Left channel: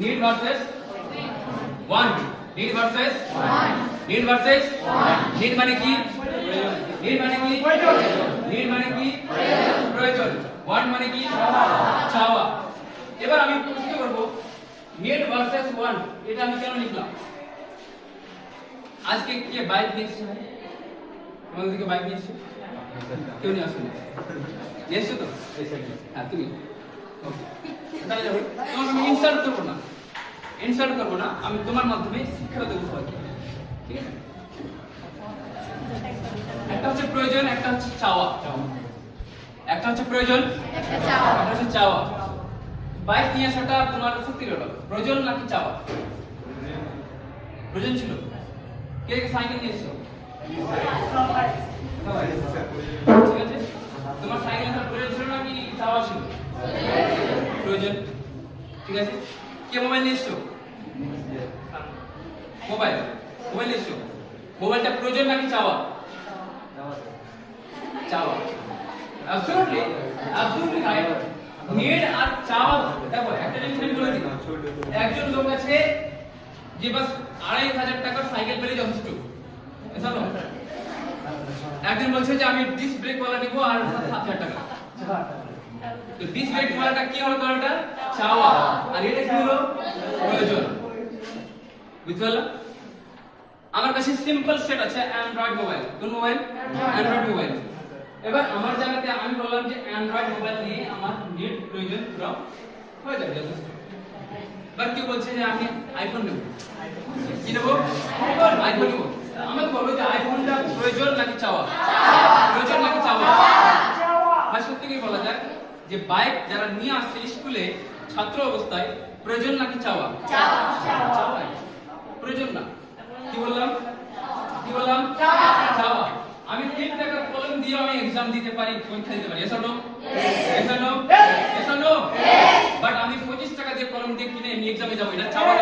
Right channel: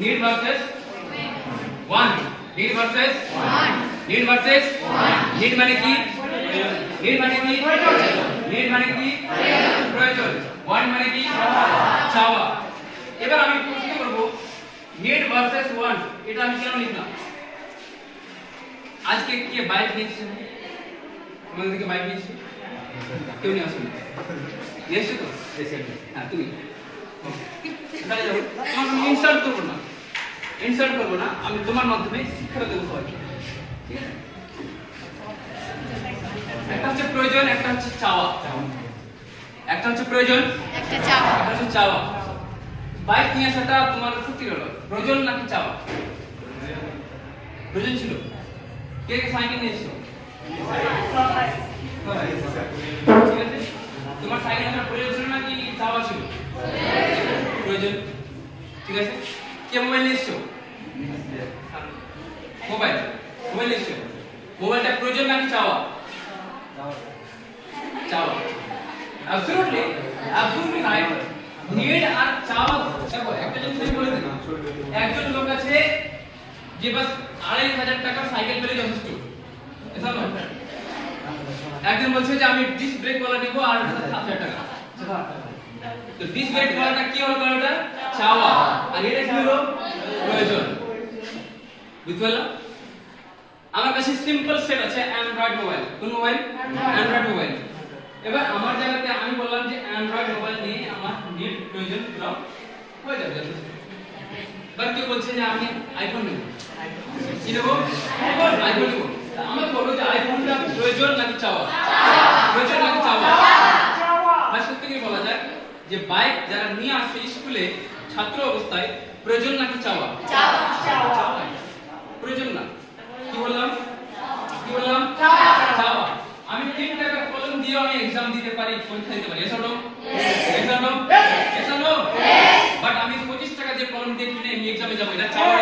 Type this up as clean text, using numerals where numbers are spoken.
need versus want, need versus need versus need মানে কি need মানে কি need মানে কি প্রয়োজন, want মানে কি চাওয়া। এবার আমি প্রশ্ন করব need versus want এটা আমি কেন লিখলাম? আজকে কে বাইক নিয়েছে? তোমাদের দিকে বাইক নিয়েছে? কেউ নিয়ে আসেনি? নিয়েছো তো? হ্যাঁ তুমি তাহলে যাবো, তোমাকে আমি ইনসাল্ট করবো না, আমি তোমার মাধ্যমে শিক্ষা দেবো সবাইকে, ঠিক আছে? একটা হচ্ছে প্রয়োজন, একটা হচ্ছে চাওয়া। একটা হচ্ছে প্রয়োজন, একটা হচ্ছে চাওয়া। বাইক নিয়ে আসাটা তোমার সত্যি হলো প্রয়োজন নাকি চাওয়া? প্রয়োজন ছিল। কে কে সাইকেল নিয়েছো? ঠিক আছে, তোমার সাইকেল আসার প্রয়োজন ছিল নাকি চাওয়া ছিল? প্রয়োজন। ঠিক আছে, কে মোবাইল নিয়েছো? মোবাইল নিয়েছো। মোবাইলটা প্রয়োজন নাকি চাওয়া? চাওয়া। absolutely right. need আর চাওয়া, দেখো একটা জিনিস আমি বলে দিই, একজন লোক আছে যে বাস 2500 টাকা সাইকেল পেলে যথেষ্ট, এসা নয়। একজন বলছে যে আমি ডিস্ক ব্রেক ওয়ালা নেব আর 7000 টাকা। তো ডিস্ক ব্রেক ওয়ালাটা কি হলো? ওটা চাওয়া, আর এটা কি হলো? প্রয়োজন। বুঝতে পারলা? আমার কাছে সিম্পল সেট আছে অ্যান্ড্রয়েড মোবাইল। কোন মোবাইল? Android mobile. এবার আমার জায়গাতে আমি বললাম যে অ্যান্ড্রয়েড মোবাইল নিয়ে আমার নেট প্রয়োজন পুরো হয়ে যাবে যথেষ্ট। এবার কেউ বলছে যে আমি আইফোন নেব, কি নেব? আইফোন নেব। আমাকে বলো যে আইফোনটা প্রয়োজন নাকি চাওয়া? প্রয়োজন নাকি চাওয়া? ভাই সত্যি কি বলা যায় যে বাইক যারা নিয়ে আসছে স্কুলে ছাত্র অবস্থায় প্রয়োজন নাকি চাওয়া? চাওয়া। প্রয়োজন না। কি বললাম? চাওয়া। আমি 3 টাকা কলম দিয়ে আমি एग्जाम দিতে পারি, পরীক্ষা দিতে পারি, এসো নো? এসো নো? বাট আমি 25 টাকা দিয়ে কলম দিয়ে কিনে আমি एग्जाम এ যাব, এটা চাওয়া